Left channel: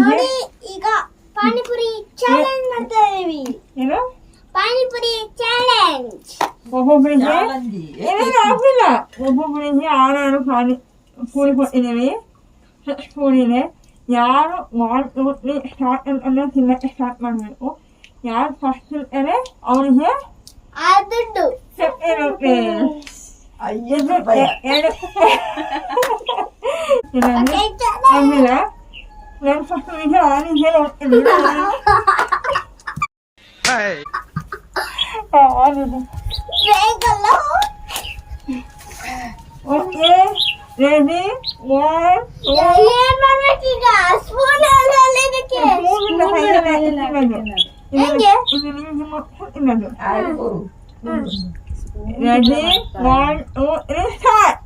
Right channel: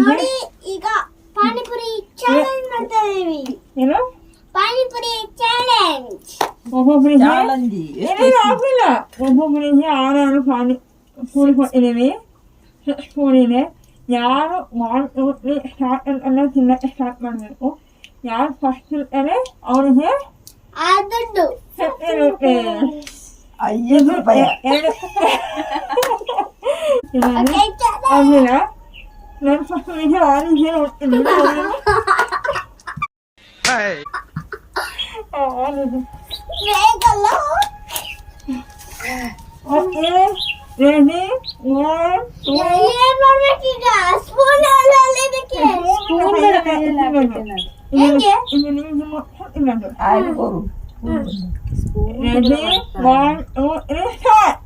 ನೋಡಿ ಈಗ ಪಾನಿಪುರಿ ಚಾಲೆಂಜ್ ಮಾಡ್ತಾ ಇದೀವಿ. ಏನು ಪಾನಿಪುರಿ ಚಾಲೆಂಜ್? ಒಬ್ಬೊಬ್ಬರಿಗೆ ಒಬ್ಬೊಬ್ಬರಿಗೆ 6 ಪಾನಿಪುರಿ ಕೊಟ್ಟಿದ್ದೀವಿ. ಸ್ಪೂನಿದೆ. ಯಾರು ಸ್ಟಾರ್ಟ್ ಅಂದ್ರೆ ತಿನ್ನಕ್ಕೆ ಸ್ಟಾರ್ಟ್ ಮಾಡಬೇಕು. ಯಾರು ಫಸ್ಟ್ ಇರ್ತಾರೆ ಅವರಿಗೆ ದುಡ್ಡು ಇರುತ್ತೆ. 5 ರೂಪಾಯಿ. ಆಮೇಲೆ ನಾನು ಫಸ್ಟ್ ಆನಿಗೆ ಹೋಗ್ತೀನಿ. Okay ready? ಏನ್ ಮಾಡ್ಬೇಕೀಗ? ಸ್ಪೂನ್ ಅಲ್ಲಿದಕ್ಕೆ ರೆಡಿ 1 2 3 ಸ್ಟಾರ್ಟ್.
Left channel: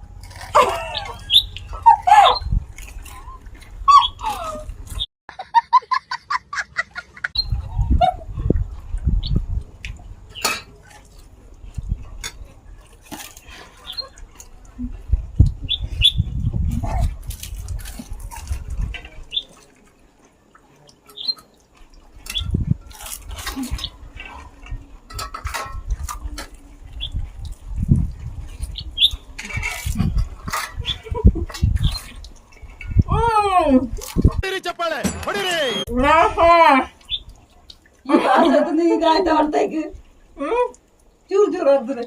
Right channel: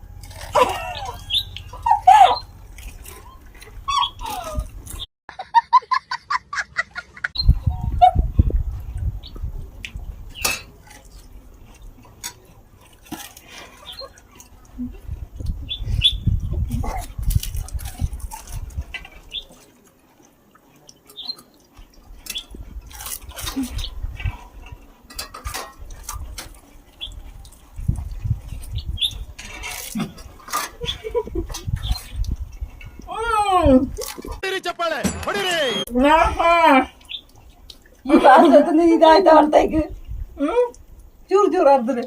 ಚಪ್ಪಾಳೆ ಹೊಡಿರಿ. ಈಗ ಆಯ್ತಾ ಅಂತ ಈಗ ಚೂರು ಚೂರು ಆಗ್ತದೆ.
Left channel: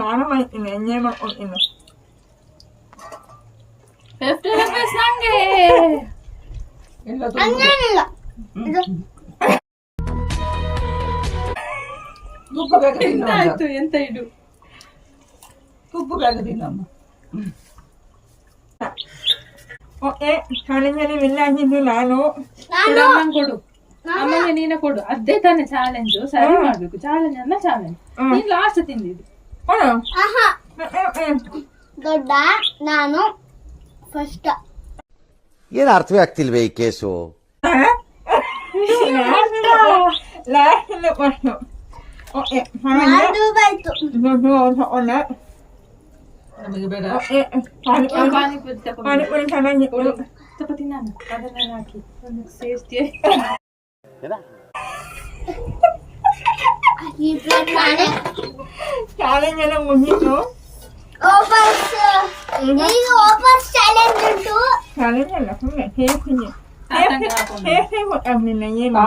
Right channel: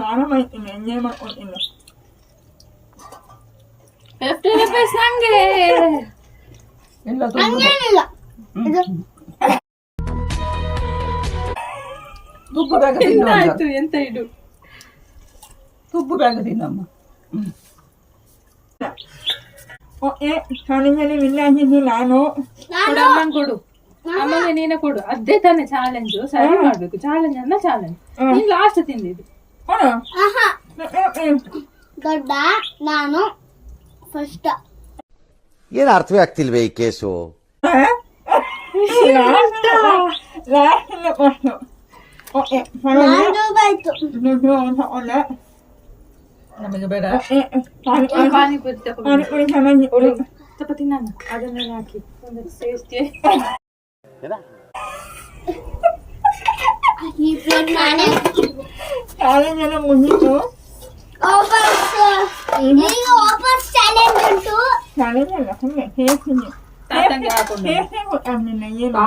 ನಾನು ಮಾಡ್ತೀನಿ, ಎಂಜಾಯ್ ಮಾಡ್ಕೊಳ್ತೀನಿ. 50 ರೂಪಾಯಿ ನಂಗೆ ಇಲ್ಲ ತುಪ್ಪ ಬೇಗ ಆಯ್ತು. ಎಂತ ಇಡು ತುಪ್ಪ ಬೇಗ ತಿನ್ನಮ್ಮ. ಓಕೆ ಚಾಲೆಂಜಲ್ಲಿ ವಿನ್ ಆಗಿದ್ದು ನಾನು. ಅಮ್ಮಂಗೆ ಕೊಡು, ಅಮ್ಮಂಗೆ ನೀನೆ ಕೊಡು. ಅದೇ ತಾನೇ ಚಾಲೆಂಜು. ಸರಿ ಮಾಡ್ಬೇಕು. ಚಾಲೆಂಜ್ ಅನ್ನ ಚಾಲೆಂಜ್. ನೀನ್ ಲಾಸ್ಟ್ ತಿಂದಿದ್ದು. ದೊಡ್ಡ ನಾನು ಫಸ್ಟ್. ಏನು ಅರ್ಥವೇ ಆಗ್ತಿಲ್ವೇ ಈ ಕೇಸು? ನಮಗೆ ಬೇಡ. ಪಾನಿಪುರಿ ಪಾನಿಪುರಿ ಚೆನ್ನಾಗಿತ್ತು. ಸ್ವಲ್ಪ ತಿನ್ನೋಣ. ಅದನ್ನೆಲ್ಲ ಹಾಕಿ ಒಂದು ಟೇಸ್ಟಿ. ಚಾಲೆಂಜ್ ಎಲ್ಲ ಮುಗೀತು. ಚಾಲೆಂಜ್ ಅಲ್ಲ ಸುಮ್ಮನೆ ಕೇಳ್ತೀನಿ. ಗೊತ್ತಾಗ್ಲಿಲ್ಲ ಏನು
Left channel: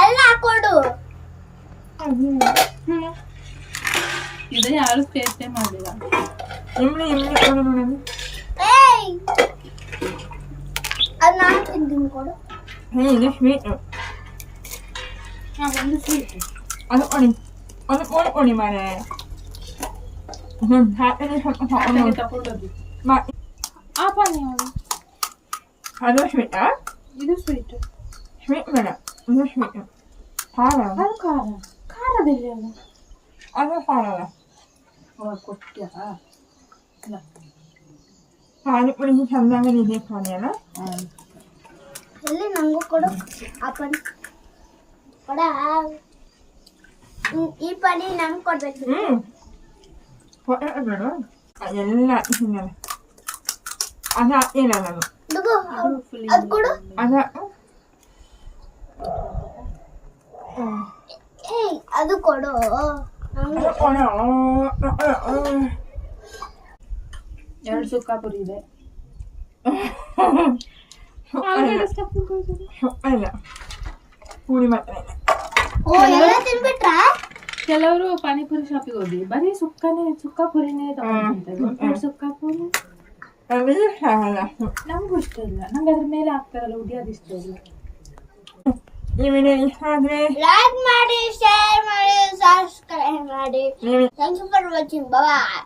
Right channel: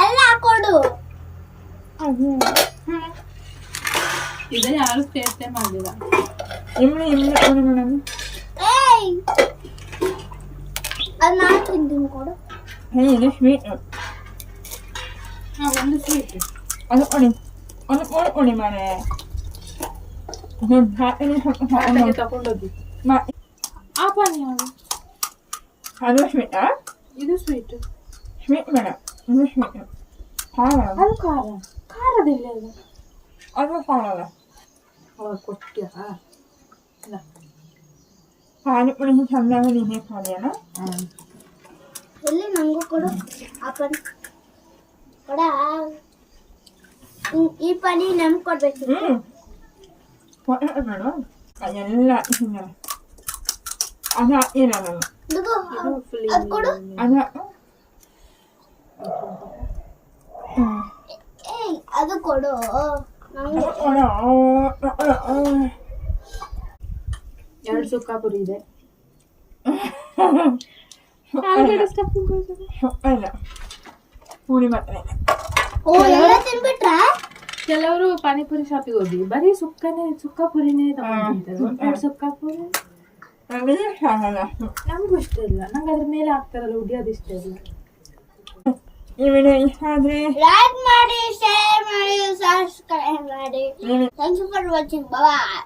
ಎಲ್ಲ ಕೊಡು. ಇದು ಯಾರು ಟೇಸ್ಟೇ ಮಾಡಿಲ್ಲ. ಅದು ನಾನು ತಿಂತೀನಿ ಕೊಡು. ಇದು ಸ್ವೀಟ್. ಒಂದು ಸ್ವೀಟ್ ಅದು ಕೊಡಿ ಮಾರೆ. ತಗೊಂಡೋಗಿ ಆ ಪಾನಿ ಯಾವುದು? ಅದು ಸ್ವೀಟಾ? ಇದು ಸ್ವೀಟ್. ಸ್ವೀಟ್ ಬೇಡ, ಇದು ಸ್ವೀಟ್. ಖಾರ. ಅದು ಖಾರ. ಖಾರದಿಲ್ಲ ಅದು. ಅದು ಖಾರ ಅಲ್ಲ. ಕೊಟ್ಟಿಯಾ? ಪಾನಿಪುರಿ ಚೆನ್ನಾಗಿ ಇದೆ ಖಾಲಿಯಲ್ಲ. ಎಲ್ಲಿ ನಂಗೂ ಕೊಡು. ಅಪ್ಪನ ಕೊಡ. ಈ ಪಾನಿ ನಮ್ಗೆ ಕೊಡ್ಬೇಕು. ಬೇಡ ಎಲ್ಲ ತಿನ್ನಲ್ಲ. ಅದು ಹಾಕಿಲ್ಲ ನಾನು. ಅದು ಕೊಡು. ಅದು ಕೊಡು. ಎರಡು ಸುಕ್ಕಾಪುರಿ ಇದೆ. ಇಲ್ಲ ಪೂರಿ ಮಾತ್ರ. ಕೆಲವರು ಪಾನಿಪುರಿ ಶಾಪಿಗೆ ಹೋಗಿ ಬರೀ ಸುಕ್ಕಾಪುರಿನೇ ತಗೊಂಡ್ತಾರೆ. ಸುಕ್ಕಾಪುರಿ ನಮಗೂ ಇಷ್ಟ ಇಲ್ಲ. ನಂಗೆ ಅದ್ರ ಮೇಲೆ ಹಾಕ್ತಾರಲ್ಲ ಉಡಿ, ಅದು ಇಷ್ಟ ಇಲ್ಲ. ಈ ವಿಡಿಯೋ ಇಷ್ಟ ಆದ್ರೆ ಲೈಕ್ ಮಾಡಿ, ಶೇರ್ ಮಾಡಿ, ಸಬ್ಸ್ಕ್ರೈಬ್ ಮಾಡಿ. Thanks for watching. ಬಾಯ್.